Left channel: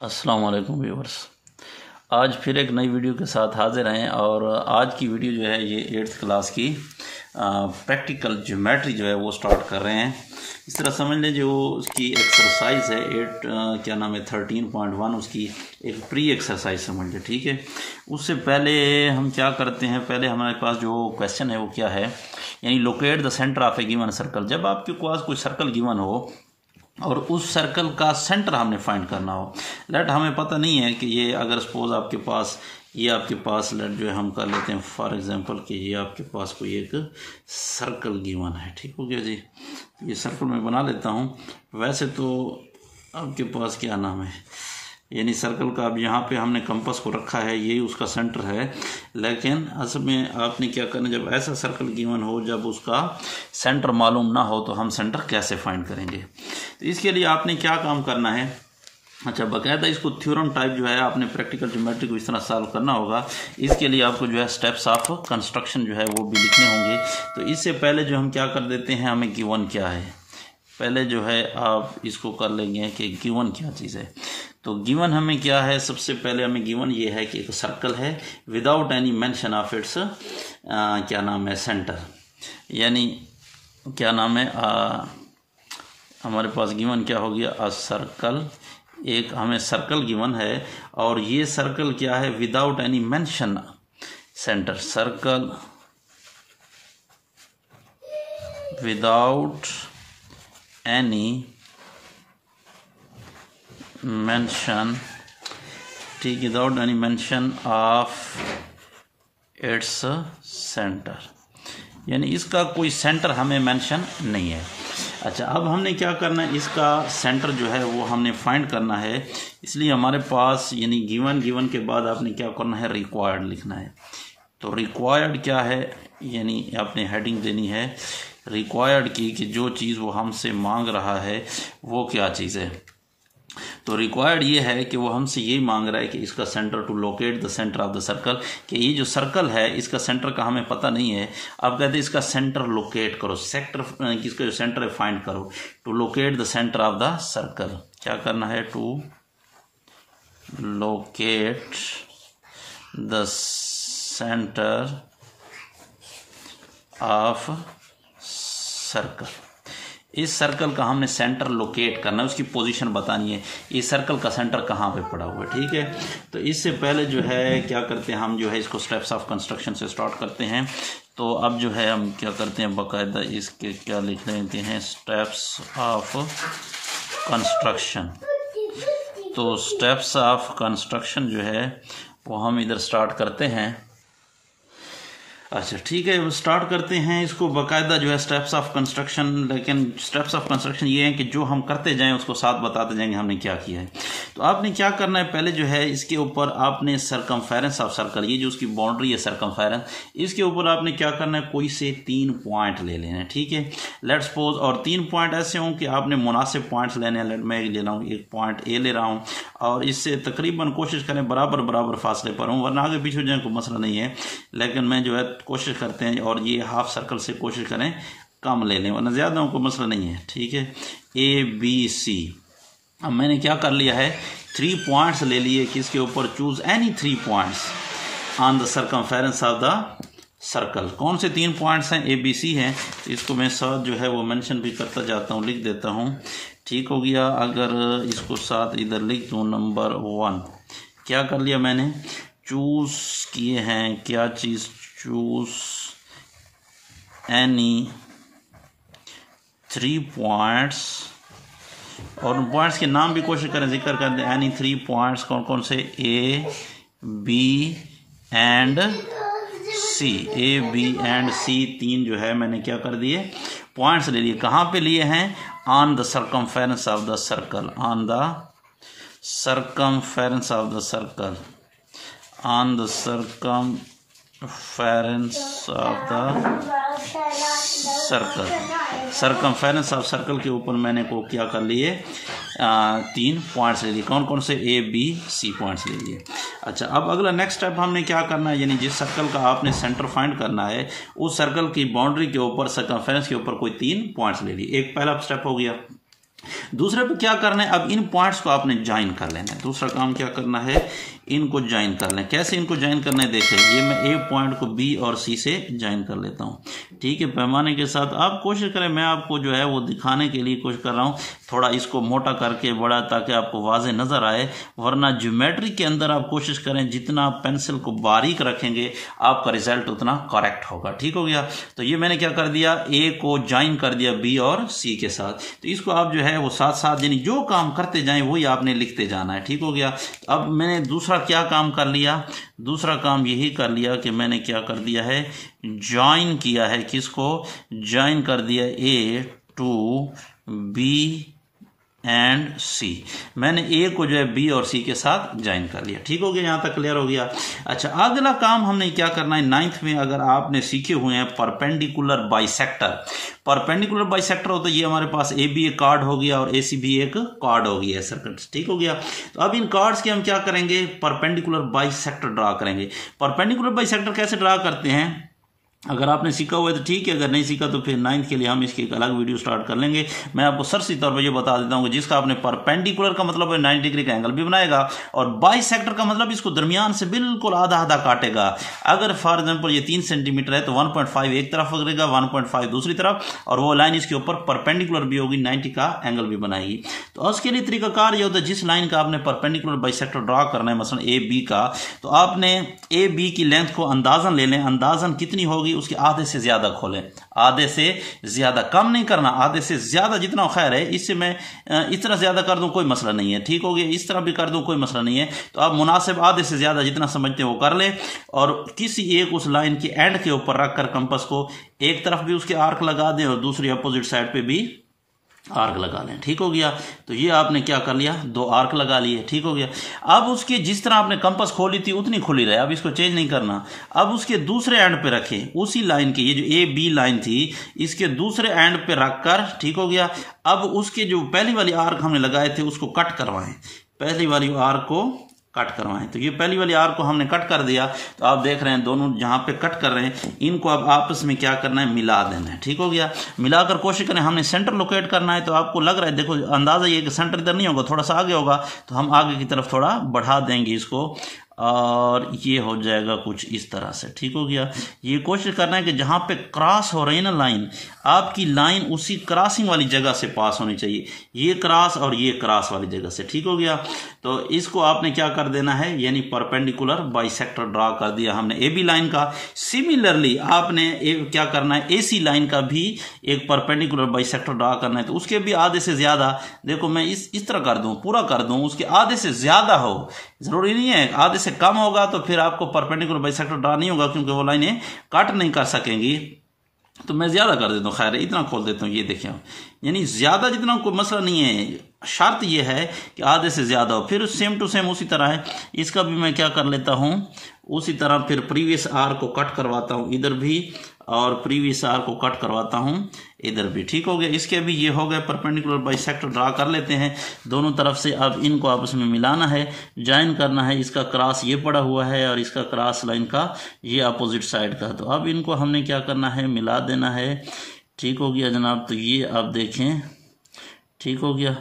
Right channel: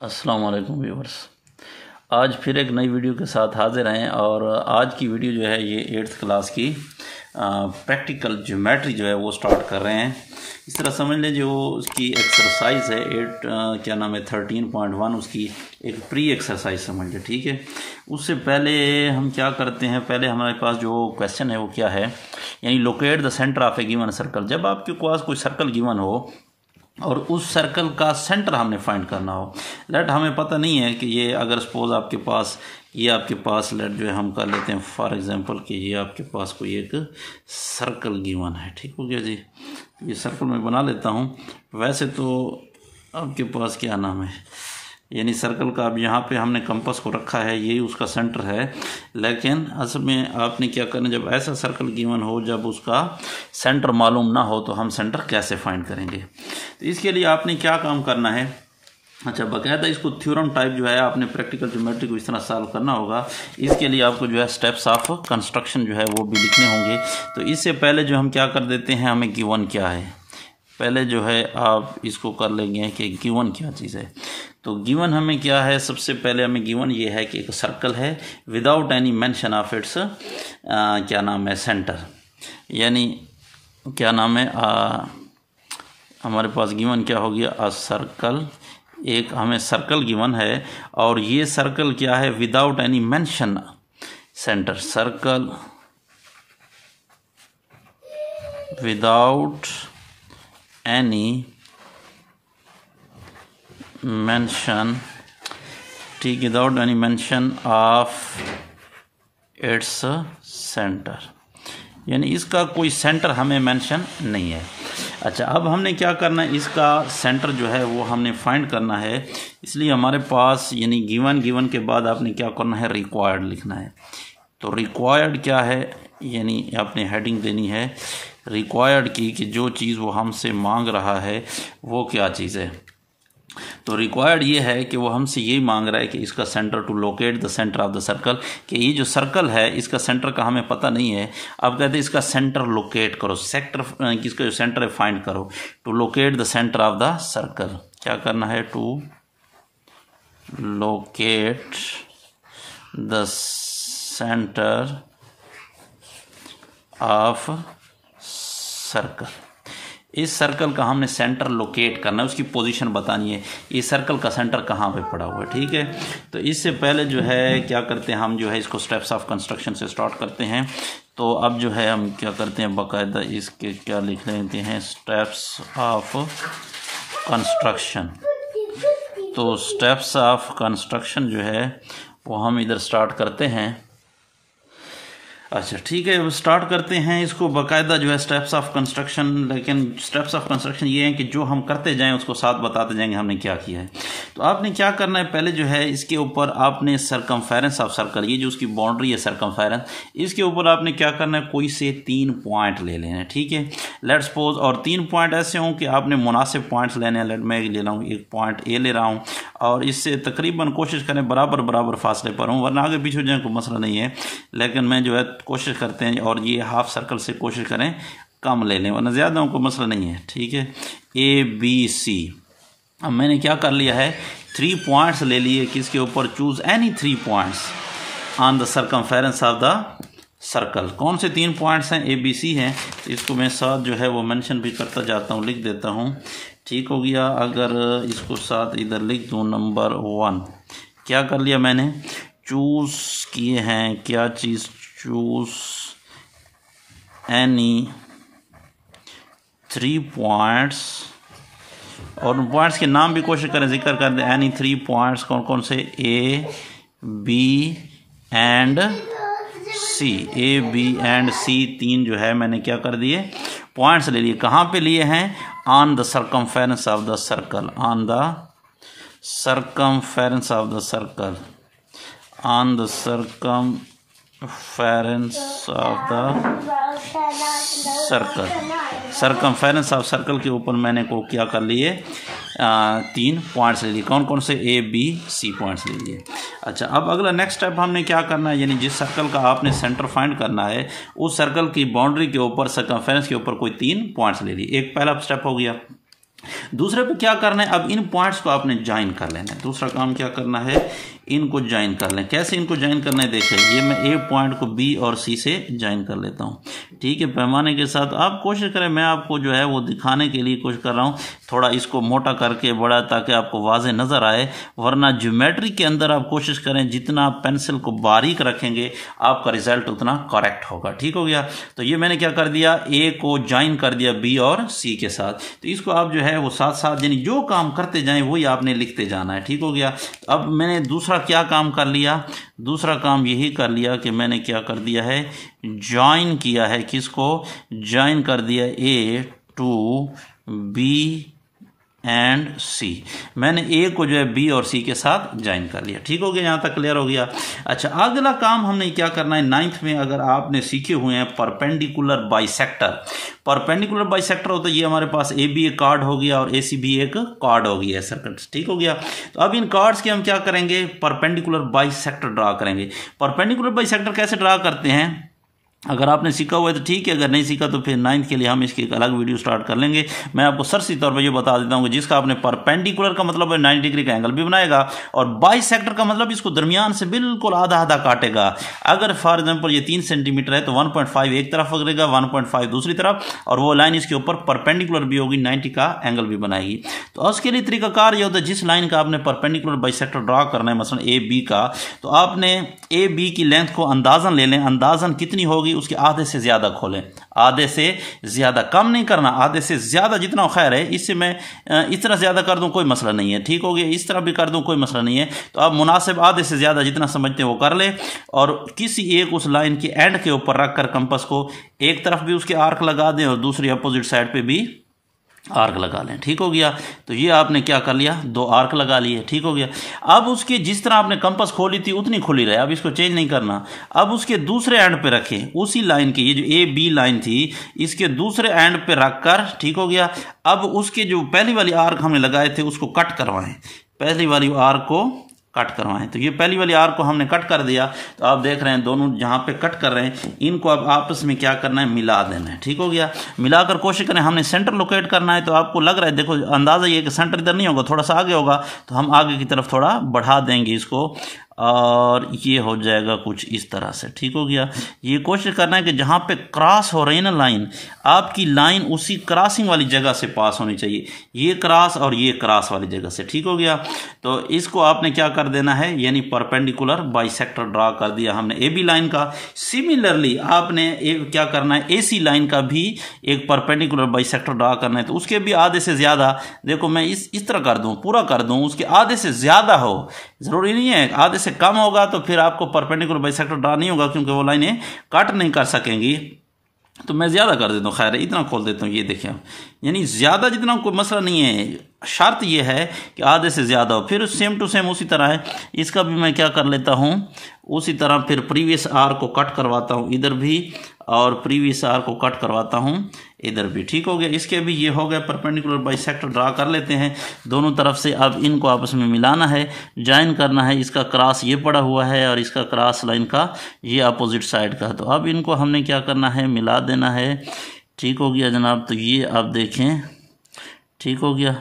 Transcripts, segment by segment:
अस्सलाम वालेकुम व्यूअर्स। आज फिर एक नई वीडियो के साथ हाजिर हैं और आज की वीडियो जो है ये 8th क्लास की प्रैक्टिकल ज्योमेट्री जो है वो स्टार्ट कर रहे हैं। इस तरह समझ लें जो उसकी एक्सरसाइज है 13.1 उसकी एक प्री एक्सरसाइज समझ लें, ठीक है। उससे पहले हम क्या करते हैं, पहले हमारे पास जो क्वेश्चन है वो क्या है, यानी locate the centre of A given circle. जब आपके पास कोई सर्कल गिवन हो और उस सर्कल का सेंटर हमने फाइंड करना हो, लेट हमें पता नहीं है कि ये अगर सपोज आपके पास लेट जो है हम कर लेते हैं फॉर एग्जांपल कि ये आपके पास कोई एक सर्कल गिवन है, ठीक हो गया जी। ये सर्कल मैं बना लेता हूँ। वैसे तो आपके पास क्या नाम है, यानी सर्कल का अब यहाँ पे हमने कंपास को रखा है, ये उसका सेंटर है, लेकिन असल में आपने क्या करना, जब ऐसा सर्कल गिवन हो जब उसका सेंटर मालूम ना हो तो हम सेंटर कैसे फाइंड करेंगे। तो इसके लिए आपने क्या काम करना है, अच्छा बाकायदा इसको थ्योरम टाइप जो है आपने प्रैक्टिकल ज्योमेट्री को इस तरह सॉल्व करना होगा। इसके लिए आपको जो है स्टेप्स ऑफ कंस्ट्रक्शन जो है वो भी लिखने होंगे। तो इससे पहले जो हम क्या कर देते हैं, हमें गिवन क्या है, पहले जो है आप इसको कर लेंगे कि गिवन क्या चीज़ है। तो गिवन हमें क्या है, सबसे पहले हमें गिवन ये है कि एक सर्कल है without any mention of it's क्या नाम है सेंटर, यानी क्या नाम है हमारे पास गिवन क्या हो गया, अ सर्कल। एक हमें सर्कल गिवन है और ये सर्कल क्या है without any mention centre, circle without any mention, ठीक, without any mention of its centre, यानी इसका कोई सेंटर हमें मेंशन नहीं है। अच्छा अब हमने क्या करना है, इसका सेंटर जो है वो हमने फाइंड करना है। इसलिए हमारे पास यानी गिवन के बाद आपने क्या करना है, रिक्वायर्ड लिखना है। तो रिक्वायर्ड क्या है, यानी आपने हेडिंग देनी है रिक्वायर्ड की कि जो चीज़ वो हमसे मांग रहा है वो क्या चीज़ है। तो रिक्वायर्ड ये है कि वो हमसे यही मांग रहा है कि इसका centre to locate the centre of the circle, कि ये जो सर्कल है इसका सेंटर का हमें पता नहीं है। अब कहते हैं इसका सेंटर लोकेट करो, सेक्टर किसका जो सेंटर है फाइंड करो। To locate the centre of the circle क्या करना है, to locate the centre of circle. इस सर्कल का हमने सेंटर लोकेट करना है, उसकी पोजीशन बतानी है, ये सर्कल का सेंटर कहाँ पे पड़ा हुआ है, ठीक है। तो इससे पहले जो है क्या करते हैं, हम जो है इसको स्टेप्स ऑफ कंस्ट्रक्शन से स्टार्ट करते हैं। तो अब जो है हम क्या करते हैं, बाकायदा इसके क्या लिख लेते हैं, स्टेप्स ऑफ कंस्ट्रक्शन। तो स्टेप्स ऑफ कंस्ट्रक्शन जो है वो हम इधर स्टार्ट करते हैं। अच्छा ठीक है, स्टार्ट करते हैं इसको बाकायदा जो है स्टेप्स ऑफ कंस्ट्रक्शन। लेकिन स्टेप्स ऑफ कंस्ट्रक्शन ये है कि जो हम करते जाएं उसको साथ बताते जाएंगे हमने क्या किया है। तो आपने क्या करना है, पहले जो है इसके ऊपर आपने सरकमफेरेंस ऑफ सर्कल, ये जो उसकी बाउंड्री है सरकमफेरेंस, इसके ऊपर आपने क्या करना है, कोई से 3 पॉइंट ले लेना है, ठीक है। लेट्स सपोज, और 3 पॉइंट ऐसे हों कि आपने मुनासिब पॉइंट्स लेने हैं। लेट मैं ले रहा हूँ एक पॉइंट ए ले रहा हूँ और इससे तकरीबन कोशिश करें बराबर फासले पर हूँ, वरना आगे पीछे हो जाए कोई मसला नहीं है। लेकिन मैं जो है कोशिश करते हैं, और ये हाफ सर्कल से कोशिश करें कम ले लें, वरना ज़्यादा को मसला नहीं है, ठीक है। ए बी सी, अब मैंने क्या कर लिया है, 3 पॉइंट्स ले लिए, किसके ऊपर, choose any 3 points on the circumference of the circle. कौन से 3 पॉइंट्स हैं, ए बी सी हैं। इसको मैं साथ जो है वो मेंशन भी करता जाता हूँ, लिख देता हूँ, ठीक हो गया। अगर इसको साथ इधर लिख दूँ, नंबर 1 क्या कर लिया मैंने, चूज किए हैं क्या चीज़, चूज एनी 3 पॉइंट्स, और पॉइंट्स के नाम भी कोशिश करें जिक्र कर दें, एनी 3 पॉइंट्स कौन कौन से, A B and C. A B and C 3 जो है मैंने क्या कर दिए, पॉइंट्स ले लिए। कहाँ पे लिए हैं, on the circumference of the circle, on the circumference of the circle, on the circumference of the circle। Circumference of circle के ऊपर मैंने को क्या कर लिए, 3 पॉइंट्स ले लिए। कौन कौन से, ए बी सी पॉइंट्स ले लिए। अच्छा अब अगला नेक्स्ट स्टेप हमने क्या करना है, यानी जिस सर्कल का आपने सेंटर फाइंड करना है उस सर्कल की बाउंड्री के ऊपर सरकमफेरेंस के ऊपर कोई 3 पॉइंट्स ले लिए। एक पहला स्टेप हो गया। दूसरे पे क्या करना है, अब इन पॉइंट्स को आपने ज्वाइन कर लेना है। दूसरा काम क्या करना है, इनको ज्वाइन कर लें। कैसे इनको ज्वाइन करना है, देखिए ये मैं ए पॉइंट को बी और सी से ज्वाइन कर लेता हूँ, ठीक है, पैमाने के साथ। आप कोशिश करें, मैं आपको जो है वो दिखाने के लिए कोशिश कर रहा हूँ, थोड़ा इसको मोटा करके बड़ा, ताकि आपको वाज़े नज़र आए। वरना ज्योमेट्री के अंदर आप कोशिश करें जितना आप पेंसिल को बारीक रखेंगे आपका रिजल्ट उतना करेक्ट होगा, ठीक हो गया। तो ये मैंने क्या कर दिया, ए को ज्वाइन कर दिया बी और सी के साथ। तो इसको आप जो है वो साथ साथ यानी जो काम करते जाएं वही आपने लिखते जाना है, ठीक हो गया। तो अब मैंने दूसरा क्या काम कर लिया, दूसरा काम यही कर लिया कि मैंने क्या कर दिया है, ज्वाइन किया है। किसको ज्वाइन कर दिया, ए टू बी एंड सी। मैंने ए को जो है बी और सी के साथ ज्वाइन कर लिया, ठीक हो गया, यहां तक क्लियर हो गया। अच्छा, अगला काम हमने क्या करना है, 9th में अगर आपने सीखे हुए हैं परपेंडिकुलर बाइसेक्टर। परपेंडिकुलर बाइसेक्टर हो तो ये हमारे पास ए बी एक कार्ड हो गया और ए सी भी एक कार्ड हो गया सर्कल, ठीक हो गया। तो अब इन कार्ड्स के हम क्या करेंगे, परपेंडिकुलर बाइसेक्टर ड्रा करेंगे। परपेंडिकुलर बाइसेक्टर कैसे ड्रा करते हैं, अगर आपने सीखा हुआ है तो ठीक है, अगर नहीं सीखा तो फिर 9th के लिए हम इसकी एक अलग वीडियो स्टार्ट कर लेंगे। मैं आपको सरसी तौर पर ये बता देता हूँ कि जिसका आपने परपेंडिकुलर का मतलब है 90 डिग्री का एंगल भी बनाएगा, और बाइसेक्टर का मतलब इसको दरमियान से बिल्कुल आधा आधा काटेगा। अगर फॉर एग्जाम्पल ये 3 सेंटीमीटर है तो 1.5 एक तरफ पकड़ेगा, 1.5 दूसरी तरफ, और वो लाइन इसके ऊपर परपेंडिकुलर भी होगी, 90 का एंगल भी बनाएगी। तो उसके लिए तरीकाकार ये होता है, जिस लाइन का आपने परपेंडिकुलर बाइसेक्टर ड्रा करना है, मसलन ए बी का, तो आपने ए बी की लेंथ को अंदाजन ले लें। अंदाजन कितनी होगी, उसके आधे से ज्यादा खोलें, आधे से ज्यादा, कम नहीं करना, आधे से ज्यादा जितना खैर है। इससे मैं इस तरह ज्यादा कर दूं कोई मसला नहीं है, ठीक हो गया, इस तरह भी कर दूं कोई मसला नहीं है। तो आप मुनासिब आधे से ज्यादा जितना समझते हैं वो कर ले, और किसी एक उस लाइन की एंड के ऊपर रखकर कंपास को एक तरफ भी उसके आर्क लगा दें और दूसरी अपोजिट साइड पे भी आर्क लगा लें, ठीक हो गया। तो ये आपने क्या कर लिया, 2 आर्क लगा लिए, ठीक हो गया। अब उसके जिस तरह आपने कंपास खोली थी उतनी खुली रहे, अब इसको चेंज नहीं करना। अब उसके दूसरे एंड पे रखें, उसी लाइन की, ये जो ए बी लाइन थी इसके दूसरे एंड पे रखकर, ठीक हो गया। अब उसके जो पहली वाली आर्क हमने लगाए थे उसको कट करवाएं, पहली वाली आर्क को कट करवाएं। तो ये पहली वाली आर्क को हमने कट कर दिया। तो आप देख रहे हैं दोनों जहां पे कट कर रहे हैं इनको अब आपस में क्या करना है, मिला देना है, ठीक हो गया। मिलाकर कोशिश करें, हमने सेंटर लोकेट करना है। तो आपको लग रहा है, देखो अंदाजा ये कि सेंटर इधर नहीं होगा, थोड़ा सा आगे होगा, तो हम आगे की तरफ थोड़ा बढ़ा देंगे इसको, और ये हो जाएगा कुछ इस तरह से, ठीक हो गया। ये कोशिश करना है कि जहां पे क्रॉस हो रही है ना लाइन, आपकी लाइन उसी क्रॉसिंग वाली जगह से पास होनी चाहिए, ये क्रॉस और ये क्रॉस वाली जगह से, ठीक हो गया। तो इसको आपने क्या कर देना है, यानी परपेंडिकुलर बाइसेक्टर ड्रा कर दिया हमने ए बी लाइन का। सिमिलरली आपने क्या करना है, ए सी लाइन का भी एक परपेंडिकुलर बाइसेक्टर ड्रा करना है। तो उसके भी आधे से ज्यादा, देखो मैं इस तरह कर दूं, पूरा कर दूं, उसके आधे से ज्यादा हो, जरूरी नहीं है आधे से कम होगा तो फिर आपको परपेंडिकुलर बाइसेक्टर ड्रा नहीं होगा, क्योंकि वो लाइनें कट नहीं कर सकेंगी। तो मैं ज्यादा कर देता हूँ, खैर इतना खोल देता हूँ, ये देखिए, यानी ज्यादा जितना कोई मसला नहीं है, शर्त यह है कि आधे से ज्यादा हो। फिर सेम टू सेम उसी तरह है, इसका भी मैं क्या कर लेता हूँ, उसी तरह फिर प्रीवियस आर को कट करवाता हूँ इधर भी, और प्रीवियस आर को कट करवाता हूँ इधर भी, ठीक हो गया। इसके भी ये हो गया, परपेंडिकुलर बाइसेक्टर ड्रा कर लेते हैं दोनों तरफ से। अब इनको आपस में मिलाना है, ज्वाइन करना है। इसका क्रॉस ये पड़ा हुआ है और इसका क्रॉस लाइन का ये अपोजिट साइड का। तो अब इनको हमने क्या करना है, मिला देना है, ठीक हो गया जनाब। तो ये आप देखें, ठीक हो गया,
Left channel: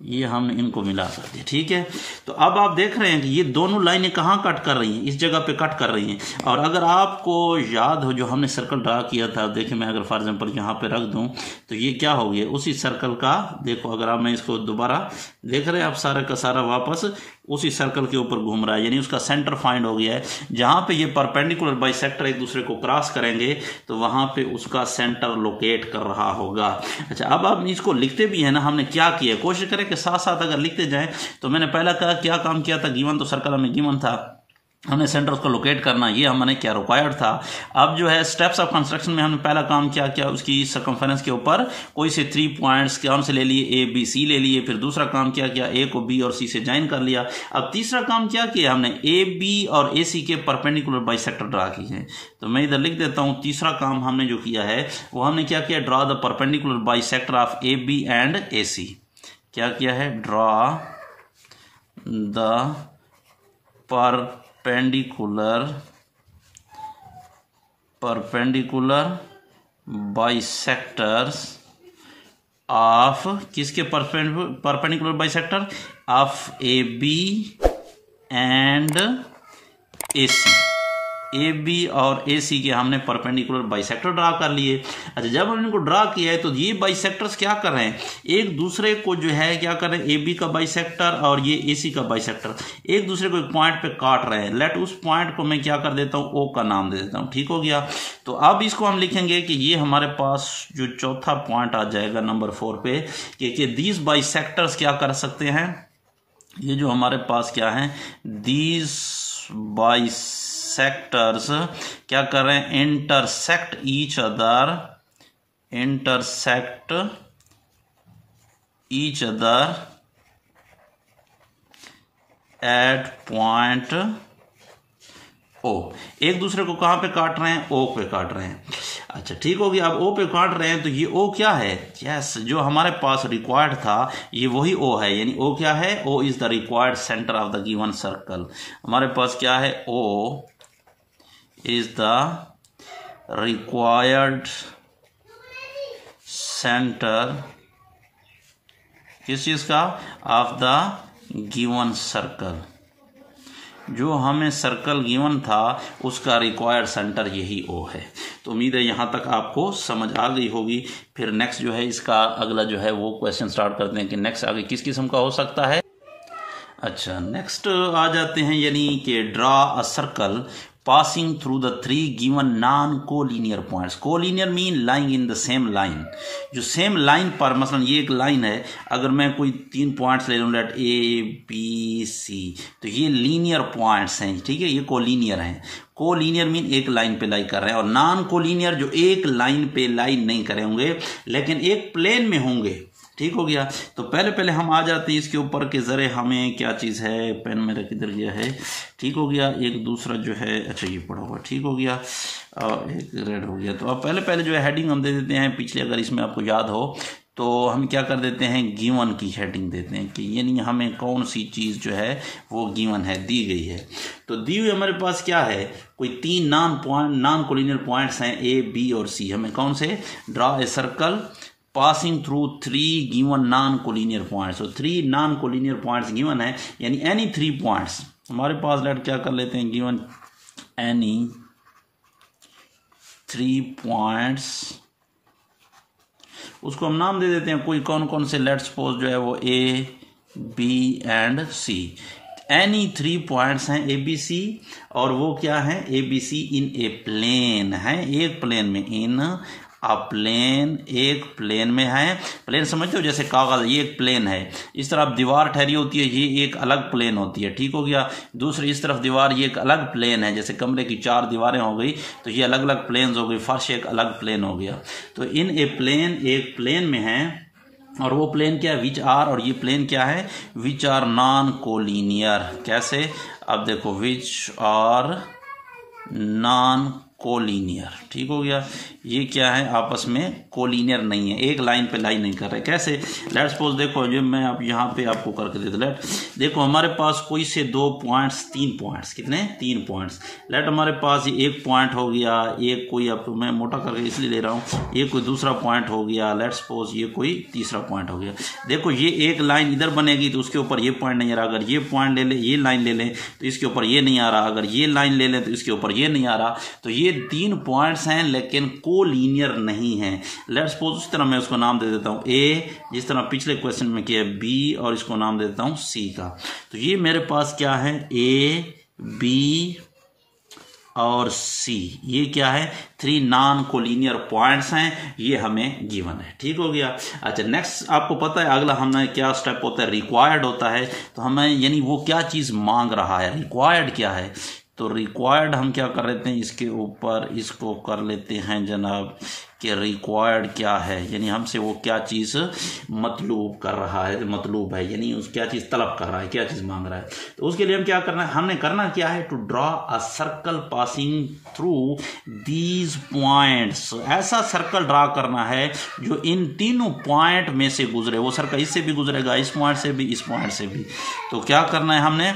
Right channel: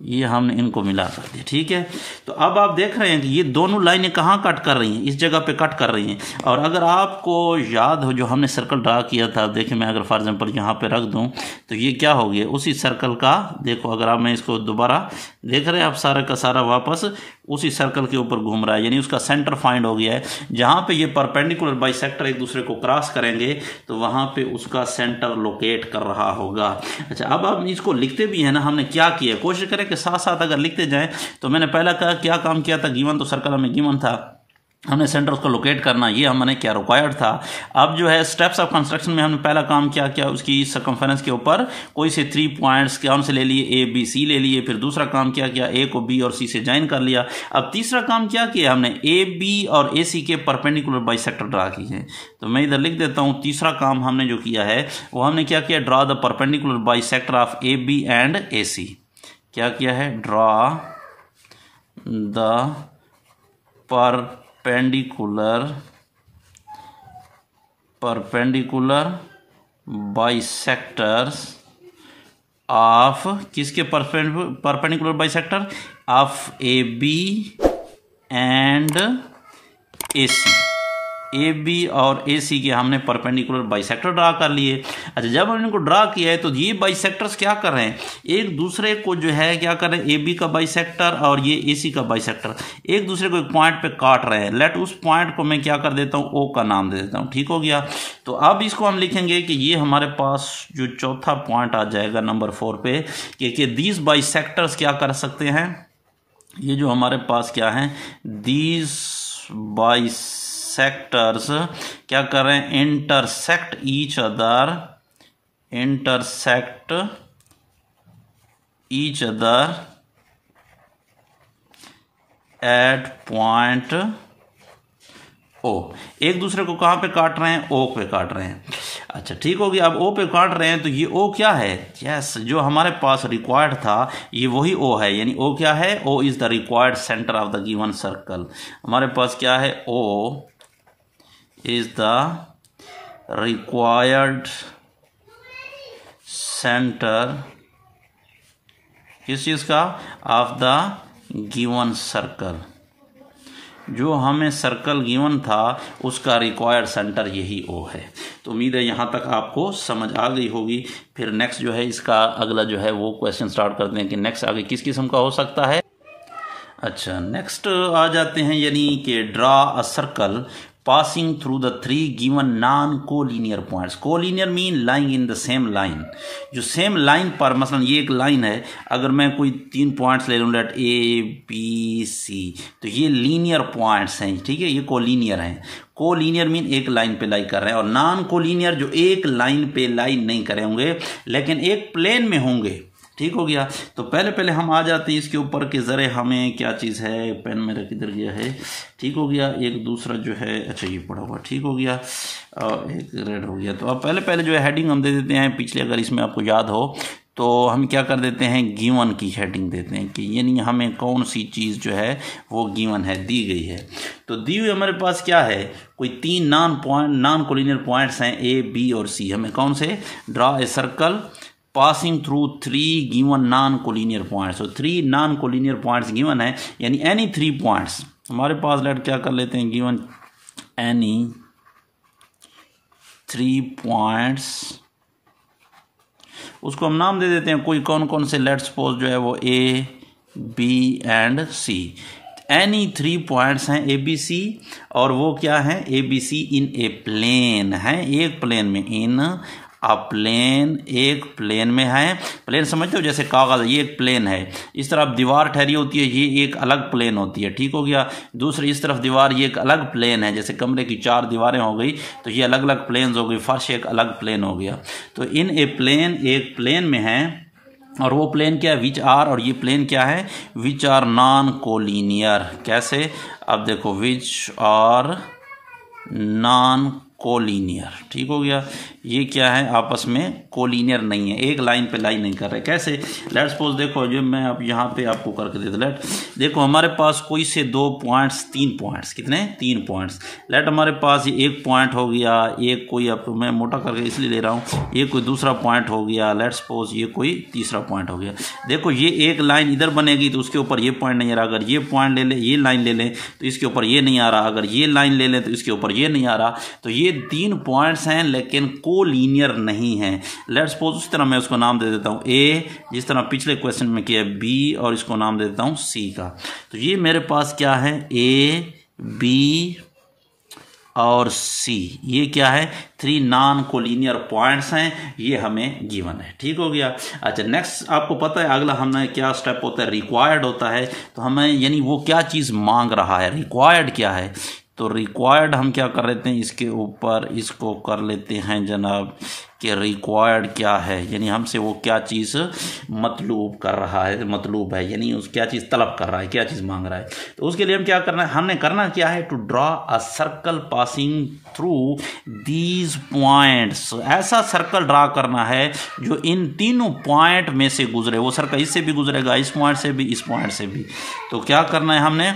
ये हमने इनको मिला कर दिया, ठीक है। तो अब आप देख रहे हैं कि ये दोनों लाइनें कहाँ कट कर रही हैं, इस जगह पे कट कर रही हैं। और अगर आपको याद हो जो हमने सर्कल ड्रा किया था, देखिए मैं अगर फॉर एग्जांपल यहाँ पे रख दूं तो ये क्या हो गया, उसी सर्कल का, देखो अगर आप, मैं इसको दोबारा देख रहे हैं आप, सारा का सारा वापस उसी सर्कल के ऊपर घूम रहा है, यानी उसका सेंटर फाइंड हो गया है। जहां पे ये परपेंडिकुलर बाइसेक्टर एक दूसरे को क्रॉस करेंगे तो वहां पे उसका सेंटर लोकेट कर रहा होगा। अच्छा, अब आप इसको लिखते भी है ना, हमने क्या किया, कोशिश करें कि साथ साथ अगर लिखते जाएं। तो मैंने पहला क्या काम किया था, गिवन तो सर्कल हमें गिवन था, हमने सेंटर उसको लोकेट करना, ये हमने क्या रिक्वायर्ड था। अब जो है स्टेप्स ऑफ कंस्ट्रक्शन में हमने पहला काम क्या किया, उसकी सर्कमफेरेंस के ऊपर कोई से 3 पॉइंट्स कौन से ले लिए, ए बी सी ले लिए। फिर दूसरा काम क्या किया, ए को बी और सी से ज्वाइन कर लिया। अब तीसरा काम क्या किया हमने, ए बी और ए सी के परपेंडिकुलर बाइसेक्टर ड्रा किए हैं। तो मैं इधर लिख देता हूं, तीसरा काम हमने जो किया है वो हमने क्या किया, draw the perpendicular bisector of A B and A C. क्या किया है, draw the perpendicular bisectors of किसके perpendicular bisector of A B and A C. A B और ए सी के हमने परपेंडिकुलर बाइसेक्टर ड्रा कर लिए। अच्छा, जब हमने इनको ड्रा किया है तो ये बाइसेक्टर्स क्या कर रहे हैं, एक दूसरे को जो है क्या कर रहे हैं, ए बी का बाइसेक्टर और ये ए सी का बाइसेक्टर एक दूसरे को एक पॉइंट पे काट रहे हैं। लेट उस पॉइंट को मैं क्या कर देता हूँ, ओ का नाम दे देता हूँ। ठीक हो गया। तो अब इसको हम लिखेंगे कि ये हमारे पास जो चौथा पॉइंट आ जाएगा नंबर 4 पे कि दीज बाइसेक्टर्स क्या कर सकते हैं, ये जो हमारे पास क्या है, दीज बाइसेक्टर्स क्या कर रहे हैं, intersect each other at point O. एक दूसरे को कहां पे काट रहे हैं, ओ पे काट रहे हैं। अच्छा, ठीक हो गया। अब ओ पे काट रहे हैं तो ये ओ क्या है, यस, जो हमारे पास रिक्वायर्ड था ये वही ओ है। यानी ओ क्या है, O is the required centre of the given circle. हमारे पास क्या है, O is the required centre किस चीज का, ऑफ द गिवन सर्कल। जो हमें सर्कल गिवन था उसका रिक्वायर्ड सेंटर यही ओ है। तो उम्मीद है यहाँ तक आपको समझ आ गई होगी। फिर नेक्स्ट जो है इसका अगला जो है वो क्वेश्चन स्टार्ट करते हैं कि नेक्स्ट आगे किस किस्म का हो सकता है। अच्छा, नेक्स्ट आ जाते हैं, यानी कि draw a circle passing through the 3 given non-collinear points। collinear mean lying in the same line। जो सेम लाइन पर, मसलन ये एक लाइन है, अगर मैं कोई 3 पॉइंट्स ले लूँ, लेट ए बी सी, तो ये लीनियर पॉइंट्स हैं। ठीक है, ये कोलिनियर हैं। कोलिनियर मीन एक लाइन पे लाई कर रहे हैं, और नॉन कोलिनियर जो एक लाइन पे लाई नहीं करे होंगे लेकिन एक प्लेन में होंगे। ठीक हो गया। तो पहले हम आ जाते हैं इसके ऊपर के जरे हमें क्या चीज़ है, पेन मेरा किधर गया है। ठीक हो गया। एक दूसरा जो है, अच्छा ये पड़ा हुआ, ठीक हो गया, और एक रेड हो गया। तो अब पहले जो है हेडिंग हम दे देते हैं पिछले, अगर इसमें आपको याद हो तो हम क्या कर देते हैं, गिवन की हेडिंग देते हैं कि यानी हमें कौन सी चीज़ जो है वो गिवन है, दी गई है। तो दी हुई हमारे पास क्या है, कोई 3 नॉन कोलिनियर पॉइंट्स हैं, ए बी और सी। हमें कौन से, draw a circle passing through 3 given non-collinear points। तो 3 non-collinear points given है, यानी any 3 points हमारे पास। लेट क्या कर लेते हैं, given any 3 points, उसको हम नाम दे देते हैं कोई कौन कौन से। लेट सपोज जो है वो A B and C. Any 3 points हैं ए बी सी, और वो क्या है, A B C in A plane है, एक प्लेन में, इन अ प्लेन, एक प्लेन में है। प्लेन समझते हो, जैसे कागज, ये एक प्लेन है। इस तरफ दीवार ठहरी होती है, ये एक अलग प्लेन होती है। ठीक हो गया। दूसरी इस तरफ दीवार, ये एक अलग प्लेन है। जैसे कमरे की 4 दीवारें हो गई तो ये अलग अलग प्लेन हो गई, फर्श एक अलग प्लेन हो गया। तो इन ए प्लेन, एक प्लेन में है, और वो प्लेन क्या है, विच आर, और ये प्लेन क्या है, विच आर नॉन कोलिनियर। कैसे, अब देखो, विच आर नॉन कोलिनियर। ठीक हो गया। ये क्या है, आपस में कोलिनियर नहीं है, एक लाइन पे लाइन नहीं कर रहे। कैसे, लेट सपोज देखो, जो मैं अब यहाँ पे आपको करके दे दूं, लेट देखो हमारे पास कोई से 2 पॉइंट्स, 3 पॉइंट्स, कितने, 3 पॉइंट्स। लेट हमारे पास ये एक पॉइंट हो गया, एक कोई, अब मैं मोटा करके इसलिए ले रहा हूँ, ये कोई दूसरा पॉइंट हो गया। लेट सपोज ये कोई तीसरा पॉइंट हो गया। देखो ये एक लाइन इधर बनेगी तो उसके ऊपर ये पॉइंट नहीं आ रहा। अगर ये पॉइंट ले ले, ये लाइन ले लें तो इसके ऊपर ये नहीं आ रहा। अगर ये लाइन ले लें तो इसके ऊपर ये नहीं आ रहा। तो ये 3 पॉइंट्स हैं लेकिन कोलिनियर नहीं है। लेट्स सपोज उस तरह मैं उसको नाम दे देता हूं ए, जिस तरह पिछले क्वेश्चन में किया बी, और इसको नाम दे देता हूं सी का। तो ये मेरे पास क्या है, ए बी और सी, ये क्या है, 3 नॉन कोलिनियर पॉइंट्स हैं, ये हमें गिवन है। ठीक हो गया। अच्छा, नेक्स्ट आपको पता है अगला हमें क्या स्टेप होता है, रिक्वायर्ड होता है। तो हमें यानी वो क्या चीज़ मांग रहा है, रिक्वायर्ड क्या है। तो रिक्वायर्ड हम क्या कर लेते हैं, इसके ऊपर इसको कर लेते हैं जनाब कि रिक्वायर्ड क्या है, यानी हमसे वो क्या चीज़ मतलूब कर रहा है, मतलूब है, यानी उस क्या चीज़ तलब कर रहा है, क्या चीज़ मांग रहा है। तो उसके लिए हम क्या करना है, हमने करना क्या है, to draw a circle passing through these points. ऐसा सर्कल ड्रा करना है जो इन तीनों पॉइंट में से गुजरे। वो सर्कल इससे भी गुजरेगा, इस पॉइंट से भी, इस पॉइंट से भी। तो क्या करना है हमने,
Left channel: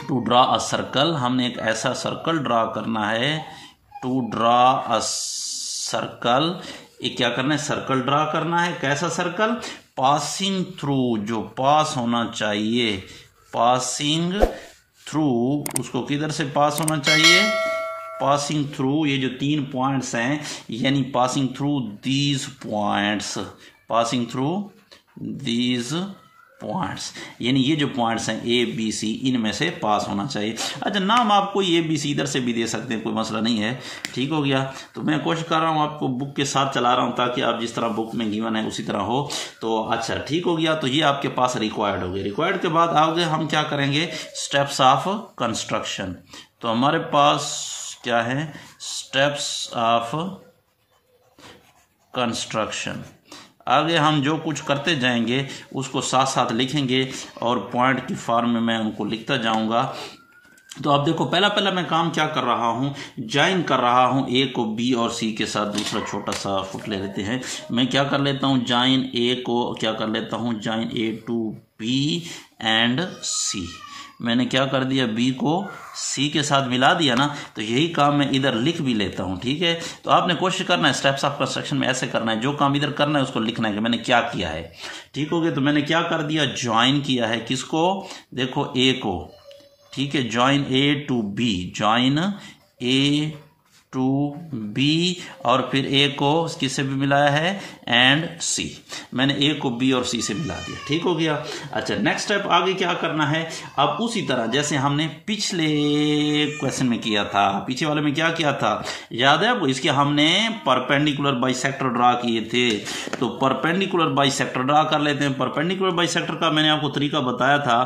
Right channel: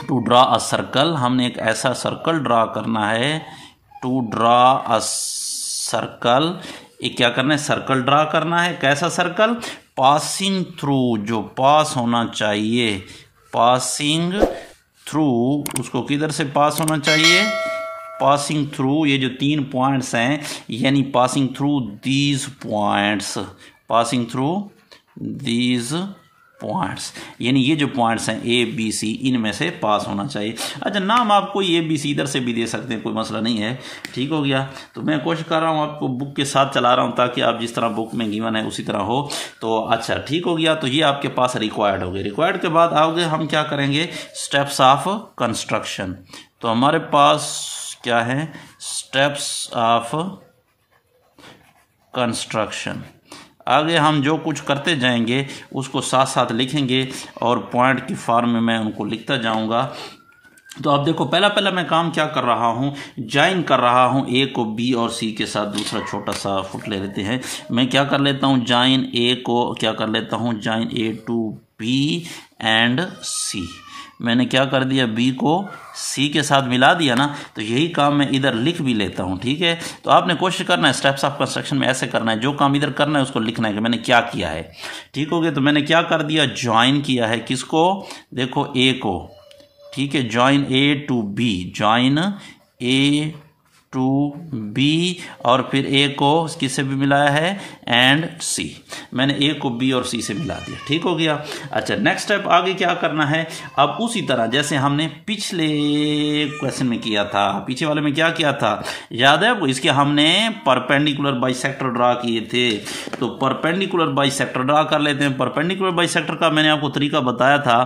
टू ड्रा अ सर्कल, हमने एक ऐसा सर्कल ड्रा करना है, टू ड्रा अ सर्कल एक क्या करना है, सर्कल ड्रा करना है। कैसा सर्कल, पासिंग थ्रू, जो पास होना चाहिए, पासिंग थ्रू, उसको किधर से पास होना चाहिए, पासिंग थ्रू, ये जो 3 पॉइंट्स हैं यानी passing through these points, passing through these points, यानी ये जो पॉइंट्स हैं ए बी सी, इनमें से पास होना चाहिए। अच्छा, नाम आप कोई ए बी सी इधर से भी दे सकते हैं, कोई मसला नहीं है। ठीक हो गया। तो मैं कोशिश कर रहा हूँ आपको बुक के साथ चला रहा हूँ ताकि आप जिस तरह बुक में गिवन है उसी तरह हो। तो अच्छा ठीक हो गया। तो ये आपके पास रिक्वायर्ड हो गए। रिक्वायर्ड के बाद आगे हम क्या करेंगे, स्टेप्स ऑफ कंस्ट्रक्शन। तो हमारे पास क्या है, स्टेप्स ऑफ कंस्ट्रक्शन। आगे हम जो कुछ करते जाएंगे उसको साथ साथ लिखेंगे और पॉइंट की फॉर्म में मैं उनको लिखता जाऊंगा। तो आप देखो, पहला मैं काम क्या कर रहा हूँ, ज्वाइन कर रहा हूँ ए को बी और सी के साथ। दूसरा छोटा सा फुट ले लेते हैं। मैं क्या कर लेता हूँ, ज्वाइन ए को क्या कर लेता हूँ, join A to B and C. मैंने क्या कर दिया, बी को सी के साथ मिला दिया ना। तो यही काम मैं इधर लिख भी लेता हूँ। ठीक है। तो आपने कोशिश करना है स्टेप्स ऑफ कंस्ट्रक्शन में ऐसे करना है, जो काम इधर करना है उसको लिखना है कि मैंने क्या किया है। ठीक हो गया। तो मैंने क्या कर दिया, ज्वाइन किया है किसको, देखो ए को। ठीक है, join A to B, join A to B, और फिर ए को किससे भी मिलाया है, एंड सी। मैंने ए को बी और सी से मिला दिया। ठीक हो गया। अच्छा, नेक्स्ट स्टेप आगे क्या करना है, अब उसी तरह जैसे हमने पिछले क्वेश्चन में किया था, पीछे वाले में क्या किया था, याद है आपको, इसके हमने परपेंडिकुलर बाइसेक्टर ड्रा किए थे। तो परपेंडिकुलर बाइसेक्टर ड्रा कर लेते हैं। परपेंडिकुलर बाइसेक्टर का मैंने आपको तरीका बताया था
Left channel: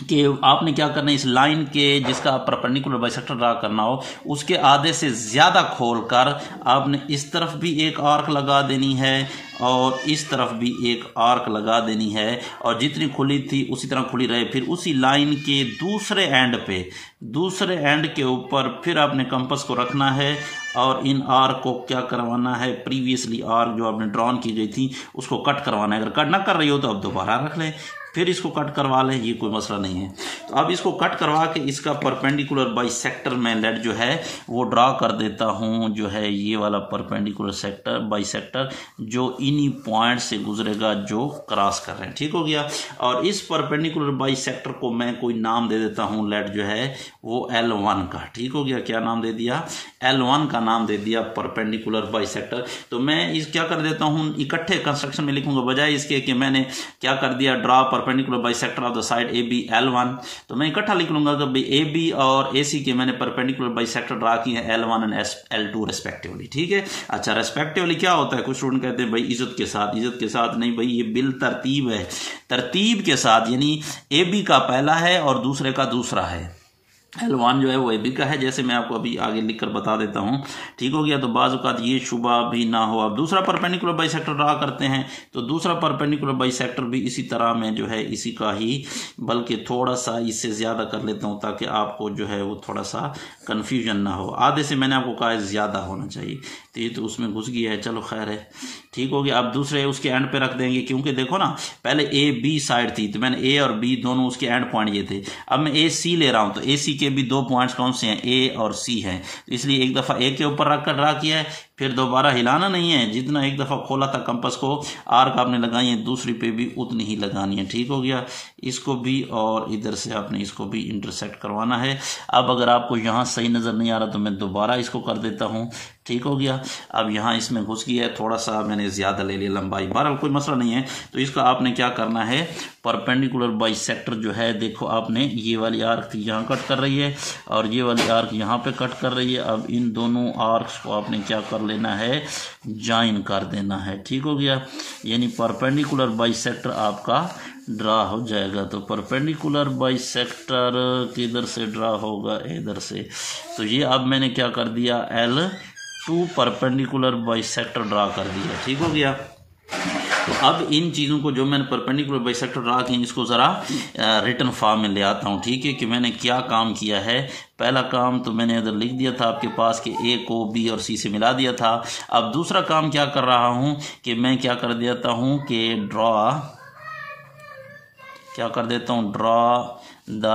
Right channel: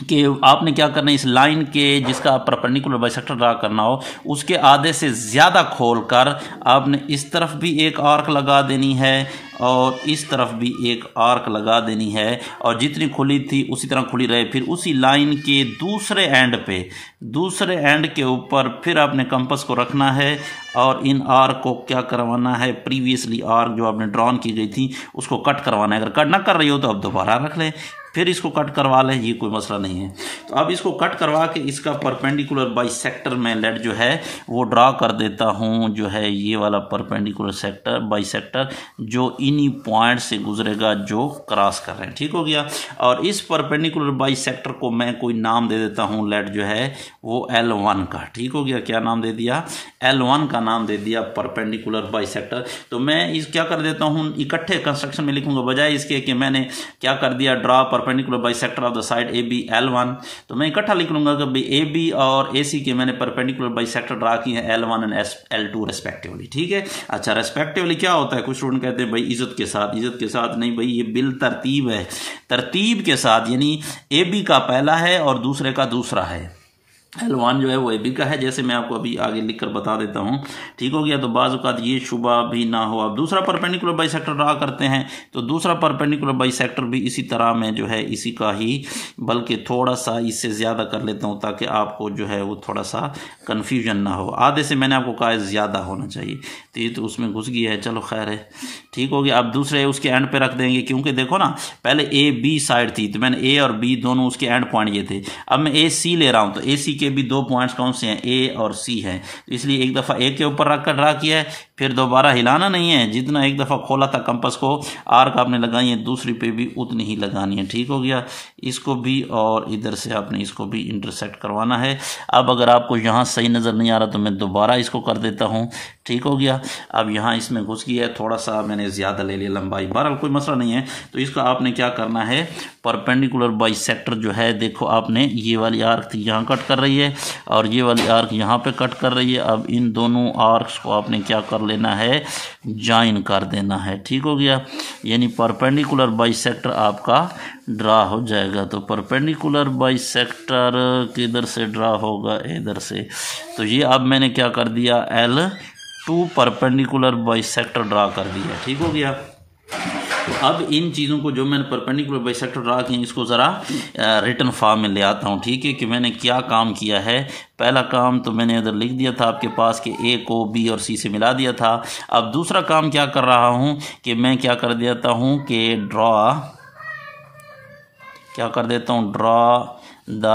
कि आपने क्या करना है, इस लाइन के जिसका परपेंडिकुलर बाइसेक्टर ड्रा करना हो उसके आधे से ज़्यादा खोलकर आपने इस तरफ भी एक आर्क लगा देनी है और इस तरफ भी एक आर्क लगा देनी है, और जितनी खुली थी उसी तरह खुली रहे। फिर उसी लाइन के दूसरे एंड पे, दूसरे एंड के ऊपर फिर आपने कंपास को रखना है और इन आर्क को क्या करवाना है, प्रीवियसली आर्क जो आपने ड्रॉन की गई थी उसको कट करवाना है। अगर कट ना कर रही हो तो अब दोबारा रख लें, फिर इसको कट करवा लें, ये कोई मसला नहीं है। तो अब इसको कट करवा के इसका परपेंडिकुलर बाइसेक्टर मैं लेट जो है वो ड्रा कर देता हूँ, जो है ये वाला परपेंडिकुलर सेक्टर बाइसेक्टर जो इन्हीं पॉइंट से गुजरेगा जो क्रॉस कर रहे हैं। ठीक हो गया। और इस परपेंडिकुलर बाइसेक्टर को मैं कोई नाम दे देता हूँ, लेट जो है वो L1 का। ठीक हो गया। क्या नाम दे दिया, L1 का नाम दे दिया परपेंडिकुलर बाइसेक्टर। तो मैं इस क्या कर देता हूँ, इकट्ठे कंस्ट्रक्शन में लिखूंगा बजाय इसके कि मैंने क्या कर दिया, draw perpendicular bisector of the side A B L1। तो मैं इकट्ठा लिख लूंगा कि भाई ए बी और ए सी के मैंने परपेंडिकुलर बाइसेक्टर ड्रा किए हैं L1 एंड L2 रेस्पेक्टिवली। ठीक है। अच्छा, रेस्पेक्टिवली क्या होता है, कुछ स्टूडेंट कहते हैं भाई इज्जत के साथ, इज्जत के साथ नहीं भाई, ये बिल तरतीब है, तरतीब के साथ, यानी ए बी का पहला है और दूसरे का दूसरा है। L1 जो है वो ए बी का है, जैसे मैं आपको अभी आगे लिखकर बता देता हूँ। ठीक हो गया। तो बाज़ औक़ात ये शुबा भी ना हो। अब दूसरा परपेंडिकुलर बाइसेक्टर ड्रा करते हैं। तो दूसरा परपेंडिकुलर बाइसेक्टर भी इसी तरह में जो है इसी का ही, बल्कि थोड़ा सा इससे ज़्यादा कर लेता हूँ ताकि आपको जो है वो थोड़ा सा कन्फ्यूजन ना हो। आधे से मैंने आपको कहा ज़्यादा होना चाहिए, तो ये तो उसमें घुस गया है, चलो खैर है। ठीक हो गया। अब दूसरे उसके एंड पे रख देंगे, क्योंकि देखो ना पहले ए बी साइड थी तो मैंने ए और बी दोनों उसके एंड पॉइंट ये थे। अब मैं ए सी ले रहा हूँ तो ए सी के भी 2 पॉइंट्स कौन से हैं, ए और सी हैं। इसलिए एक दफ़ा ए के ऊपर रख कर ड्रा किया है, फिर दोबारा हिलाना नहीं है। जितना एक दफ़ा खोला था कंपास को, आर्क आपने लगाई है, दूसरी पे भी उतनी ही लगानी है। ठीक हो गया। इसको भी और इधर से आपने इसको भी इंटरसेक्ट करवाना है। अब अगर आपको यहाँ सही नज़र नहीं आ रहा तो मैं दोबारा इसको कर देता हूँ। ठीक हो गया। अब यहाँ इसमें घुस गया है, थोड़ा सा मैंने ज़्यादा ले लिया लंबाई, बहरहाल कोई मसला नहीं है। तो इसका आपने क्या करना है, परपेंडिकुलर बाइसेक्टर जो है देखो आपने ये वाली आर्क थी यहाँ कट कर रही है और ये वाली आर्क यहाँ पे कट कर रही है। अब इन दोनों आर्क्स को आपने क्या कर लेना है, ज्वाइन कर देना है। ठीक हो गया। यानी परपेंडिकुलर बाइसेक्टर आपका ड्रा हो जाएगा। तो परपेंडिकुलर बाइसेक्टर किधर से ड्रा होगा, इधर से। तो ये अब मैंने क्या कर दिया, L2 परपेंडिकुलर बाइसेक्टर ड्रा कर दिया। ठीक हो गया। तो अब इन चीज़ों को जो मैंने परपेंडिकुलर बाइसेक्टर ड्रा किए इसको ज़रा रिटन फॉर्म में ले आता हूँ। ठीक है, कि मैंने क्या काम किया है। पहला काम तो मैंने इधर लिख दिया था आपके पास कि ए को बी और सी से मिला दिया था। अब दूसरा काम क्या कर रहा हूँ कि मैं क्या कर देता हूँ कि ड्रा क्या कर देता हूँ, ड्रॉ द,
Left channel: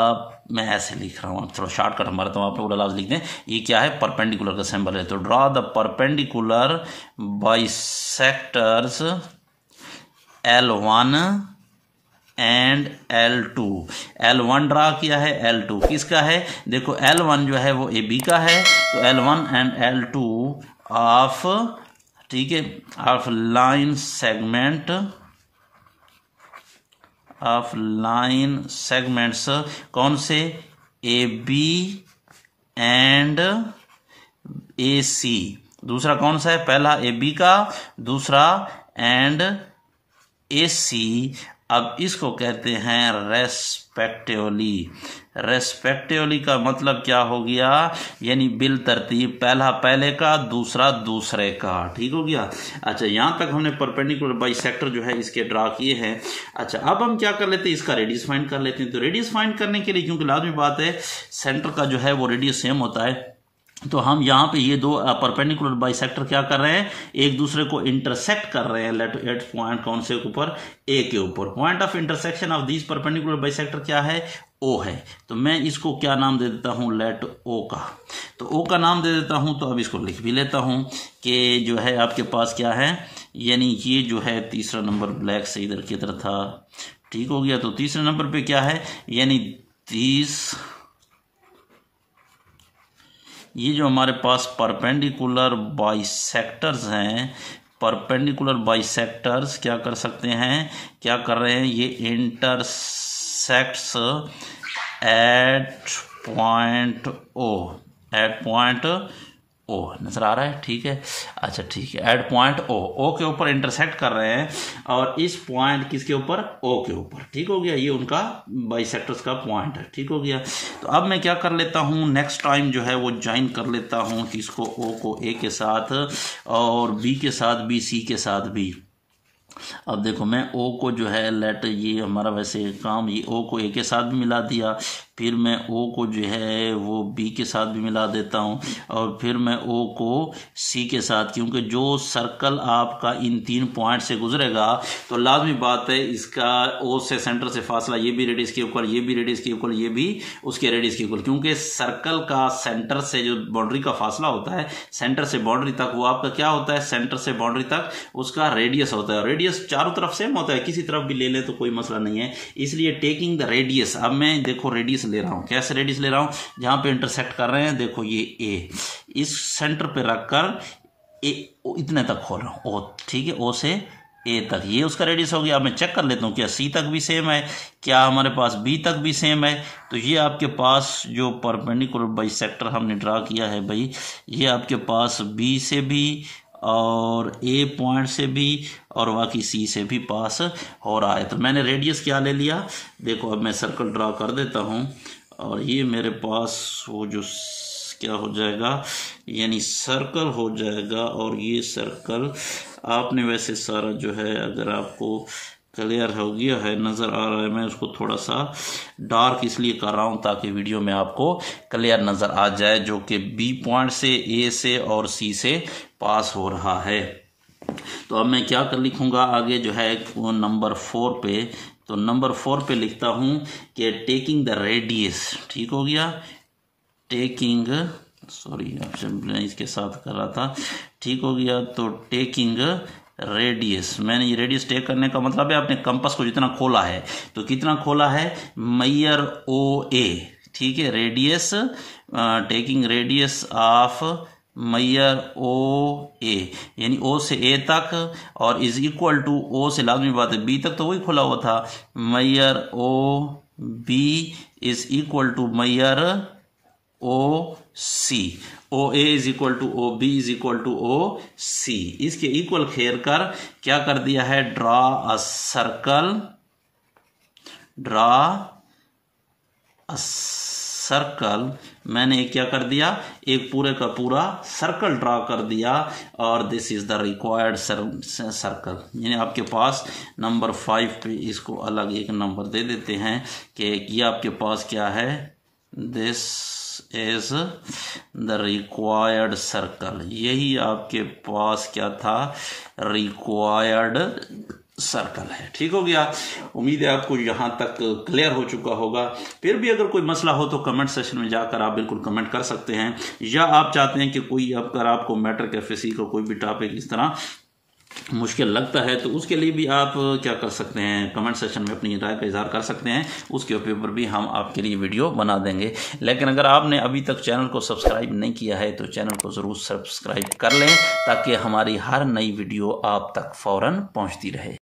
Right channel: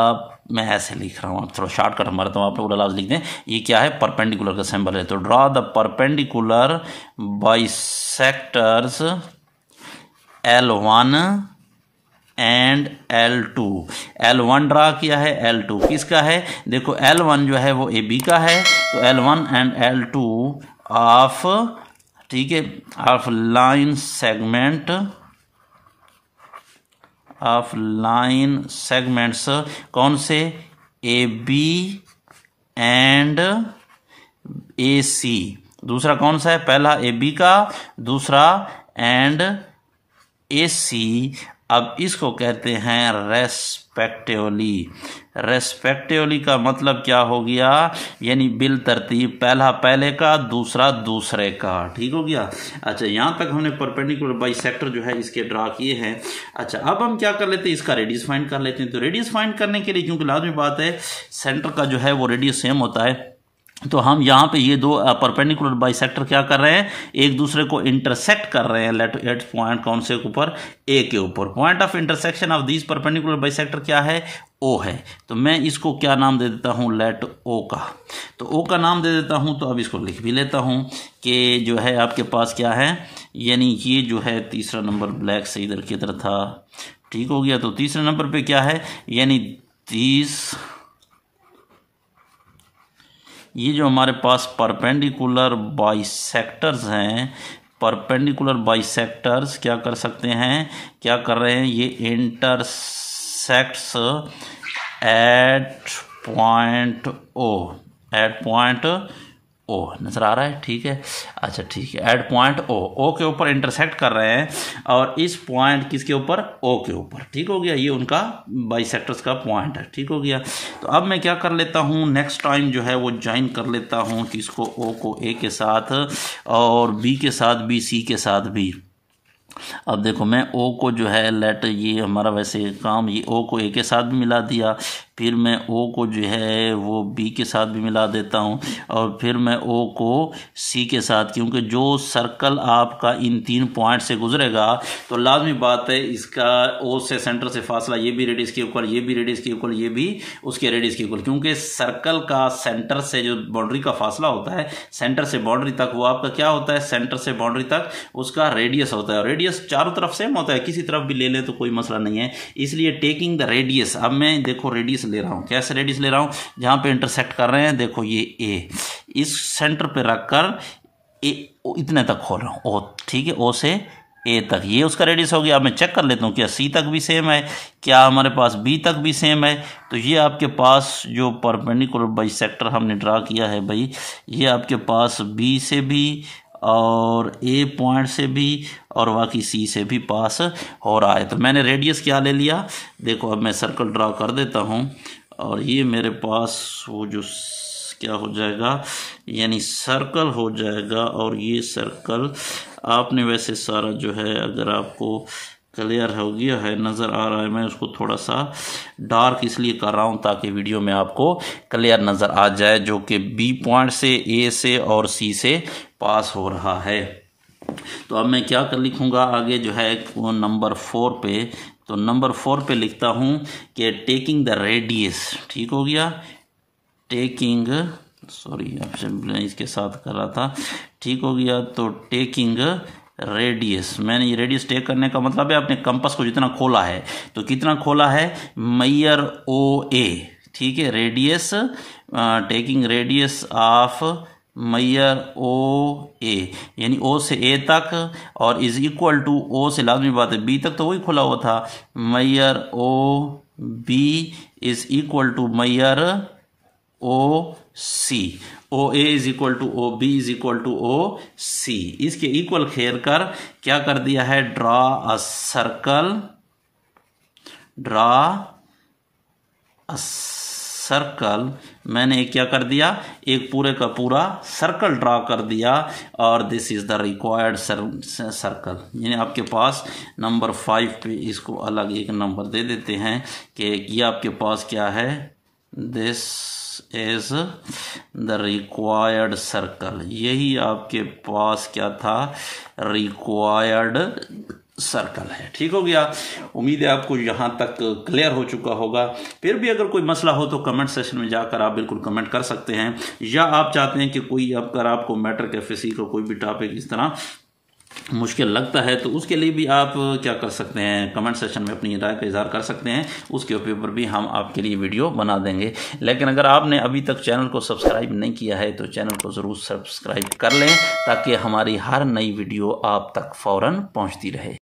मैं ऐसे लिख रहा हूँ, थोड़ा शॉर्टकट हमारा, तो आप उड़ा लिख दें। ये क्या है, परपेंडिकुलर का सिंबल है, तो draw the perpendicular bisectors L1 and L2। L1 draw किया है, L2 किसका है, देखो L1 जो है वो AB का है, तो L1 एंड L2 ऑफ, ठीक है, ऑफ लाइन सेगमेंट्स कौन से, AB एंड AC। दूसरा कौन सा है, पहला AB का, दूसरा एंड AC। अब इसको कहते हैं रेस्पेक्टिवली का मतलब क्या हो गया, यानी बिल तरतीब, पहला पहले का, दूसरा दूसरे का, ठीक हो गया। अच्छा, यहाँ तक हमने परपेंडिकुलर बाइसेक्टर जो है इसके ड्रा किए हैं। अच्छा, अब हम क्या कर लेते हैं, इसका रेडियस फाइंड कर लेते हैं। तो रेडियस फाइंड करने के लिए, क्योंकि लाजमी बात है सेंटर का जो है वो रेडियस सेम होता है, तो हम यहाँ पे ये दो परपेंडिकुलर बाइसेक्टर क्या कर रहे हैं, एक दूसरे को इंटरसेक्ट कर रहे हैं। लेट एट पॉइंट कौन से ऊपर, ए के ऊपर। Point of intersection of this perpendicular bisector क्या है, ओ है। तो मैं इसको क्या नाम दे देता हूँ, लेट ओ का। तो ओ का नाम दे देता हूँ। तो अब इसको लिख भी लेता हूँ कि जो है आपके पास क्या है, यानी ये जो है तीसरा नंबर ब्लैक से इधर की तरह था, ठीक हो गया। तो तीसरे नंबर पे क्या है, यानी 30, ये जो हमारे पास परपेंडिकुलर बाइसेक्टर्स हैं, परपेंडिकुलर बाइसेक्टर्स क्या कर सकते हैं, क्या कर रहे हैं, ये इंटरसेक्ट्स एट पॉइंट ओ, नजर आ रहा है, ठीक है। अच्छा, ठीक है, एट पॉइंट ओ के ऊपर इंटरसेक्ट कर रहे हैं, और इस पॉइंट किसके ऊपर, ओ के ऊपर, ठीक हो गया। ये उनका बाइसेक्टर्स का पॉइंट है, ठीक हो गया। तो अब मैं क्या कर लेता हूँ, नेक्स्ट टाइम जो है वो ज्वाइन कर लेता हूँ किसको, ओ को ए के साथ, और बी के साथ भी, सी के साथ भी। अब देखो, मैं ओ को जो है लेट, ये हमारा वैसे काम, ये ओ को ए के साथ भी मिला दिया, फिर मैं ओ को जो है वो बी के साथ भी मिला देता हूँ, और फिर मैं ओ को सी के साथ, क्योंकि जो सर्कल आपका इन 3 पॉइंट से गुजरेगा तो लाजमी बात है इसका ओ से सेंटर से फासला, ये भी रेडियस के इक्वल, ये भी रेडियस के इक्वल, ये भी उसके रेडियस के इक्वल, क्योंकि सर्कल का सेंटर से जो बाउंड्री का फासला होता है, सेंटर से बाउंड्री तक, वो आपका क्या होता है, सेंटर से बाउंड्री तक उसका रेडियस होता है। रेडियस चारों तरफ सेम होता है, किसी तरफ भी ले ले तो कोई मसला नहीं है, इसलिए टेकिंग द रेडियस। अब मैं देखो रेडियस ले रहा हूं, कैसे रेडियस ले रहा हूं, जहां पे इंटरसेक्ट कर रहे हैं, देखो ये ए, इस सेंटर पे रखकर ए इतने तक खोल रहा हूं, ओ, ठीक है, ओ से ए तक, ये उसका रेडियस हो गया। अब मैं चेक कर लेता हूं क्या सी तक भी सेम है, क्या हमारे पास बी तक भी सेम है। तो ये आपके पास जो परपेंडिकुलर बाइसेक्टर हमने ड्रा किया है भाई, ये आपके पास बी से भी और ए पॉइंट से भी और बाकी सी से भी पास हो रहा है। तो मैंने रेडियस क्या ले लिया, देखो अब मैं सर्कल ड्रा कर देता हूं, और ये मेरे पास वो जो क्या हो जाएगा, यानी सर्कल हो जाएगा। और ये सर्कल आपने वैसे सारा जो है, अगर आपको क्लियर हो गया है, नज़र आ रहा है, मैं उसको थोड़ा सा डार्क इसलिए कर रहा हूँ ताकि वीडियो में आपको क्लियर नज़र आ जाए, जो कि बी पॉइंट से, ए से और सी से पास हो रहा है। तो अब मैं क्या कर लिखूँगा आगे जो है नंबर 4 पे, तो नंबर 4 पे लिखता हूँ कि टेकिंग द रेडियस, ठीक हो गया, टेकिंग, सॉरी मैं इसके साथ कर रहा था, ठीक हो गया। तो टेकिंग रेडियस, मैंने ये रेडियस टेक करने का मतलब है अपने कंपास को जितना खोला है, तो कितना खोला है, मैयर ओ ए, ठीक है, radius, taking radius of Maihar ओ ए, यानी ओ से ए तक, और इज इक्वल टू, ओ से लाजमी बात है बी तक तो वही खुला हुआ था, मैयर O B is equal to मैयर O C, O A is equal to O B is equal to O C. इसके इक्वल खेर कर क्या कर दिया है, draw a circle, draw a circle, मैंने क्या कर दिया, एक पूरे का पूरा सर्कल ड्रा कर दिया, और this is the required circle. यानी आपके पास नंबर 5 पे इसको अलग एक नंबर दे देते हैं कि ये आपके पास क्या है, this is the required circle, यही आपके पास क्या था, रिक्वायर्ड सर्कल है। ठीक हो गया। उम्मीद है आपको यहाँ तक क्लियर हो चुका होगा। फिर भी अगर कोई मसला हो तो कमेंट सेक्शन में जाकर आप बिल्कुल कमेंट कर सकते हैं, या आप चाहते हैं कि कोई अगर आपको मैटर के फिजिक्स को कोई भी टॉपिक इस तरह मुश्किल लगता है तो उसके लिए भी आप क्या कर सकते हैं, कमेंट सेक्शन में अपनी राय का इजहार कर सकते हैं। उसके ऊपर भी हम आपके लिए वीडियो बना देंगे। लेकिन अगर आपने अभी तक चैनल को सब्सक्राइब नहीं किया है तो चैनल को ज़रूर सब्सक्राइब कर लें, ताकि हमारी हर नई वीडियो आप तक फ़ौरन पहुंचती रहे।